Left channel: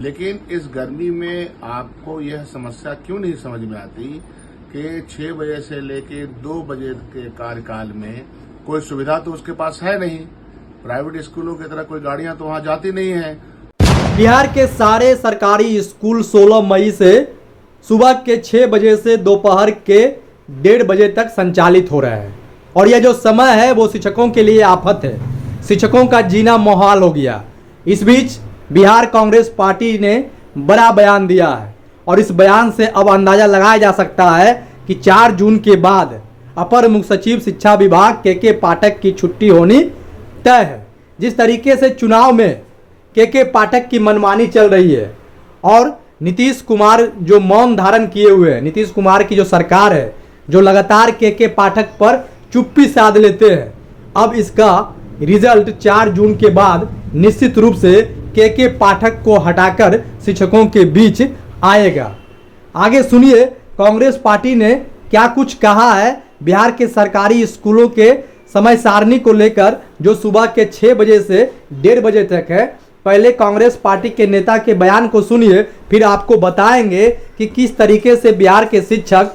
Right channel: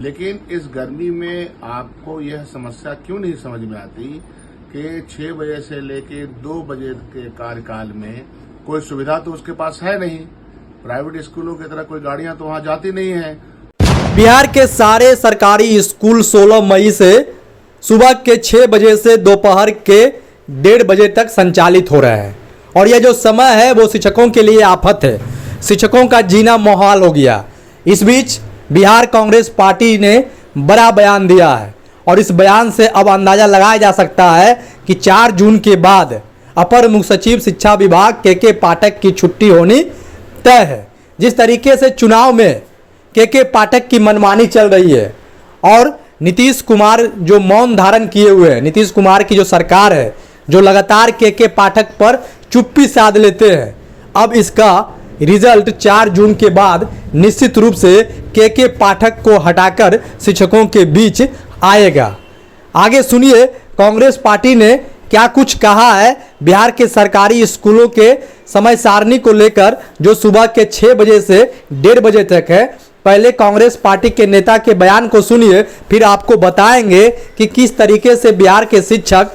लेकिन इस गर्मी में आपको यह समस्या क्यों नहीं समझ में आती कि 6 बजे से लेकर 2 बजे के कार्यकाल में कोई सुविधा तो उसके पास है नहीं। प्राइवेट स्कूलों की तरह कोई गाड़ियां तो वहां जाती नहीं है। बिहार के सारे सरकारी स्कूल 16 मई से सुबह के 6 बजे से दोपहर के 1:30 बजे तक संचालित हो रहे हैं और यह जो समय है वो शिक्षकों के लिए आफत है। शिक्षकों का जीना मुहाल हो गया। इस बीच बिहार कांग्रेस पार्टी ने बड़ा बयान दिया है और इस बयान से अब अंदाजा लगाया जा सकता है कि 4 जून के बाद अपर मुख्य सचिव शिक्षा विभाग के पाठक की छुट्टी होनी तय है। जिस तरीके से चुनाव में के पाठक की मनमानी चल रही है और नीतीश कुमार जो मौन धारण किए हुए हैं, नीतीश कुमार की जो सरकार है जो लगातार के पाठक पर चुप्पी साध लेते हैं, अब इसका रिजल्ट 4 जून के बाद निश्चित रूप से के पाठक को हटाकर शिक्षकों के बीच आएगा। आगे सुनिए कांग्रेस पार्टी ने क्या कुछ कहा है बिहार के सरकारी स्कूलों के समय सारणी को लेकर, जो सुबह के 6 बजे से 1:30 बजे तक है। पहले कांग्रेस पार्टी के नेता के बयान को सुनिए, फिर आपको बताएंगे कि किस तरीके से बिहार के शिक्षक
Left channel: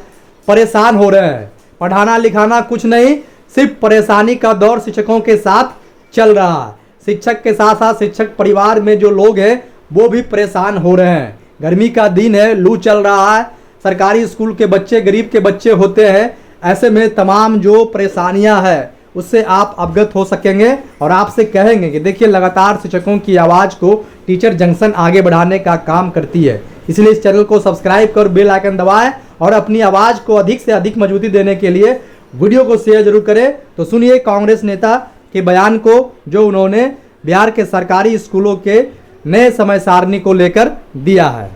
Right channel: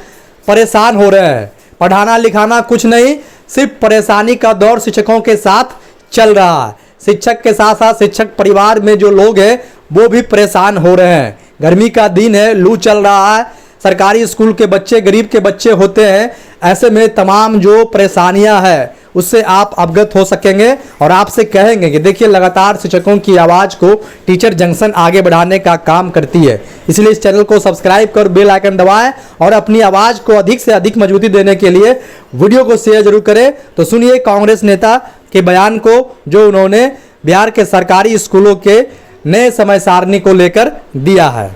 परेशान हो रहे हैं। पढ़ाना लिखाना कुछ नहीं, सिर्फ परेशानी का दौर शिक्षकों के साथ चल रहा है। शिक्षक के साथ साथ शिक्षक परिवार में जो लोग हैं वो भी परेशान हो रहे हैं। गर्मी का दिन है, लू चल रहा है, सरकारी स्कूल के बच्चे गरीब के बच्चे होते हैं। ऐसे में तमाम जो परेशानियां हैं उससे आप अवगत हो सकेंगे और आपसे कहेंगे कि देखिए लगातार शिक्षकों की आवाज़ को टीचर जंक्शन आगे बढ़ाने का काम करती है। इसलिए इस चैनल को सब्सक्राइब कर बेल आइकन दबाएं और अपनी आवाज़ को अधिक से अधिक मजबूती देने के लिए वीडियो को शेयर जरूर करें। तो सुनिए कांग्रेस नेता के बयान को जो उन्होंने बिहार के सरकारी स्कूलों के नए समय सारणी को लेकर दिया है।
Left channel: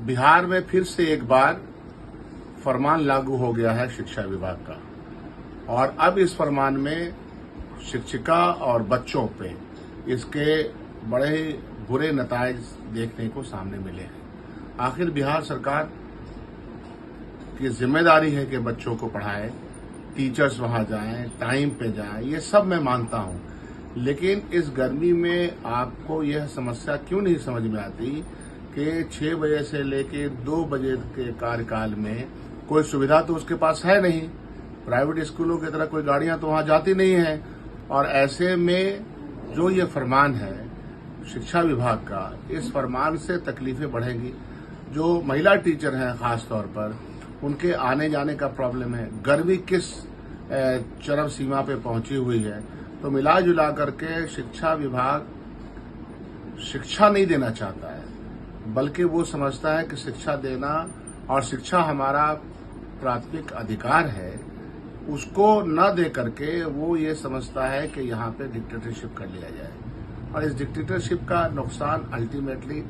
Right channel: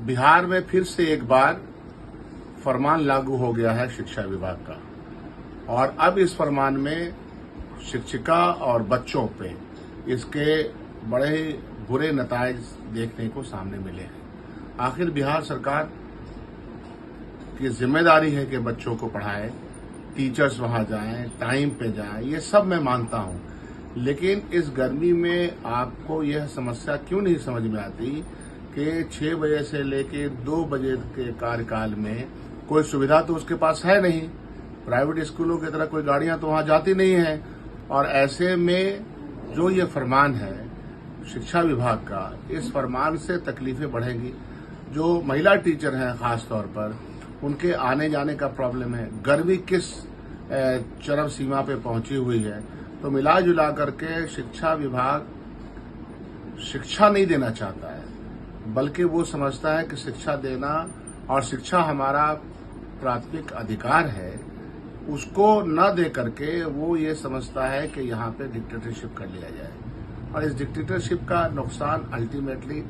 बिहार में फिर से एक बार फरमान लागू हो गया है शिक्षा विभाग का और अब इस फरमान में शिक्षिका और बच्चों पे इसके बड़े ही बुरे नतायज देखने को सामने मिले हैं। आखिर बिहार सरकार की जिम्मेदारी है कि बच्चों को पढ़ाए, टीचर्स वहां जाएं, टाइम पे जाएं, ये सब मैं मानता हूं। लेकिन इस गर्मी में आपको यह समस्या क्यों नहीं समझ में आती कि 6 बजे से लेकर 2 बजे के कार्यकाल में कोई सुविधा तो उसके पास है नहीं। प्राइवेट स्कूलों की तरह कोई गाड़ियां तो वहां जाती नहीं है और ऐसे में जो ये फरमान है शिक्षा विभाग का, इस फरमान से तकलीफें बढ़ेंगी। जो महिला टीचर हैं खास तौर पर, उनके आने जाने का प्रॉब्लम है। गर्मी किस चरम सीमा पे पहुंची हुई है। तो मिला जुला करके शिक्षा विभाग शिक्षा नहीं देना चाहता है, बल्कि वो समझता है कि शिक्षा देना और शिक्षा हमारा प्राथमिक अधिकार है, उसको न दे करके वो ये समझता है कि यहाँ पे डिक्टेटरशिप कर लिया जाए। और इस डिक्टेटरशिप का नुकसान अल्टीमेटली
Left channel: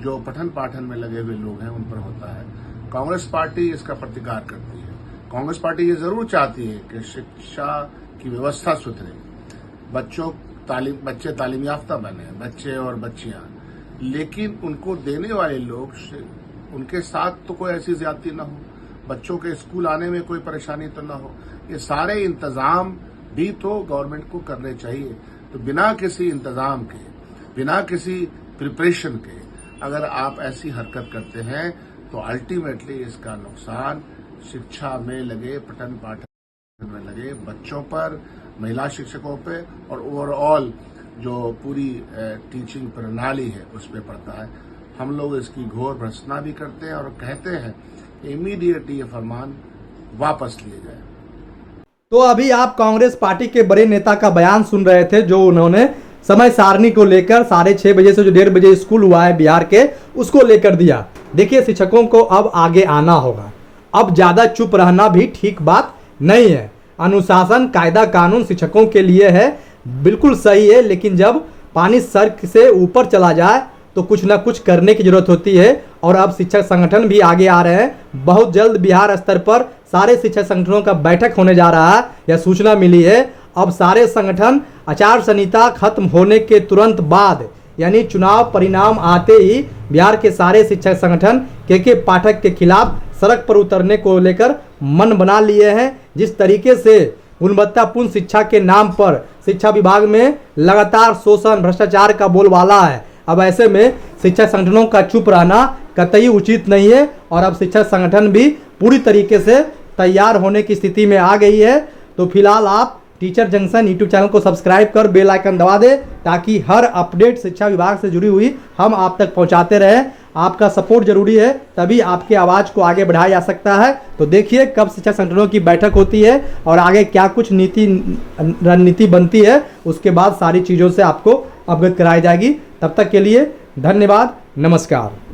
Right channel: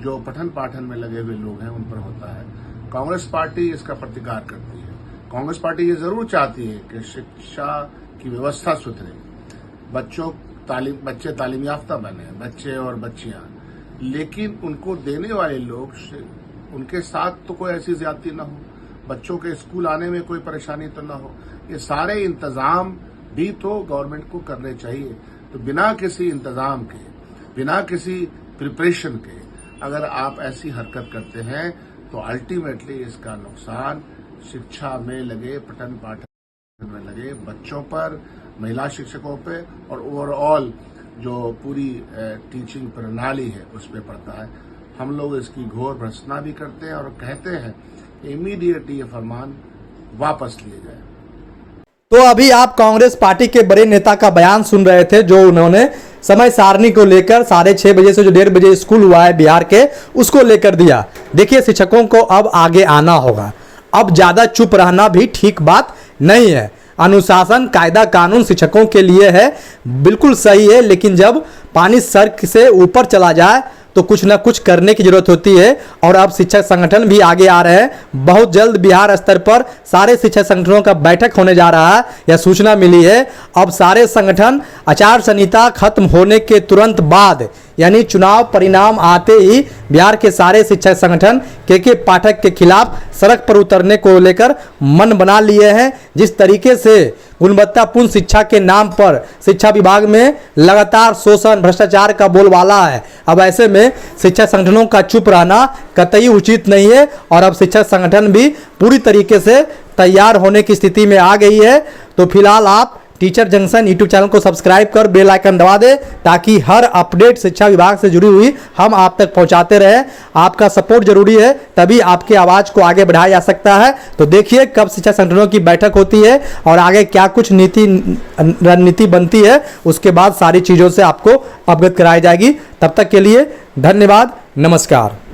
जो पठन पाठन में लगे हुए लोग हैं उन पर होता है। कांग्रेस पार्टी इसका प्रतिकार करती है। कांग्रेस पार्टी ये जरूर चाहती है कि शिक्षा की व्यवस्था सुधरे, बच्चे तालीम याफ्ता बने, बच्चे और बच्चियां, लेकिन उनको देने वाले लोग उनके साथ तो कोई ऐसी ज्यादती न हो, बच्चों के स्कूल आने में कोई परेशानी तो न हो। ये सारे इंतजाम भी तो गवर्नमेंट को करने चाहिए। तो बिना किसी इंतजाम के, बिना किसी प्रिपरेशन के अगर आप ऐसी हरकत करते हैं तो अल्टीमेटली इसका नुकसान शिक्षा में लगे, पठन पाठन में लगे बच्चों पर, महिला शिक्षकों पे और ओवरऑल जो पूरी टीचिंग प्रणाली है उस पर पड़ता है। हम लोग इसकी घोर भर्त्सना भी करते हैं और कहते हैं इमीडिएट ये फरमान वापस लिए जाए। तो अभी आप कांग्रेस पार्टी के बड़े नेता का बयान सुन रहे थे जो उन्होंने समय सारणी को लेकर 6:30 बजे से जो 1:30 बजे स्कूल हुआ है बिहार के, उसको लेकर दिया। देखिए शिक्षकों को अब आगे आना होगा। अब ज्यादा चुप रहना भी ठीक बात नहीं है। अनुशासन कायदा कानून शिक्षकों के लिए है, बिल्कुल सही है, लेकिन जब पानी सर से ऊपर चला जाए तो कुछ ना कुछ करने की जरूरत होती है। और अब शिक्षक संगठन भी आगे आ रहे हैं। बहुत जल्द बिहार स्तर पर सारे शिक्षक संगठनों का बैठक होने जा रहा है, यह सूचना मिली है। अब सारे संगठन आचार संहिता खत्म होने के तुरंत बाद यानी चुनाव परिणाम आते ही बिहार के सारे शिक्षक संगठन के पाठक के खिलाफ सड़क पर उतरने को लेकर मन बना लिए हैं। जिस तरीके से गुणवत्तापूर्ण शिक्षा के नाम पर शिक्षा विभाग में लगातार शोषण भ्रष्टाचार का बोलबाला है, अब ऐसे में शिक्षक संगठनों का चुप रहना कतई उचित नहीं है और अब शिक्षक संगठन भी पूरी तरीके से तैयार होने की स्थिति में आ गई है। तो फिलहाल आप टीचर जंक्शन यूट्यूब चैनल को सब्सक्राइब कर बेल आइकन दबा दें ताकि हर अपडेट शिक्षा विभाग से जुड़ी हुई हम आप तक पहुंचाते रहें। आपका सपोर्ट जरूरी है, तभी आपकी आवाज़ को आगे बढ़ाया जा सकता है। तो देखिए कब शिक्षा संगठनों की बैठक होती है और आगे क्या कुछ रणनीति बनती है, उसके बाद सारी चीज़ों से आपको अवगत कराई जाएगी। तब तक के लिए धन्यवाद, नमस्कार।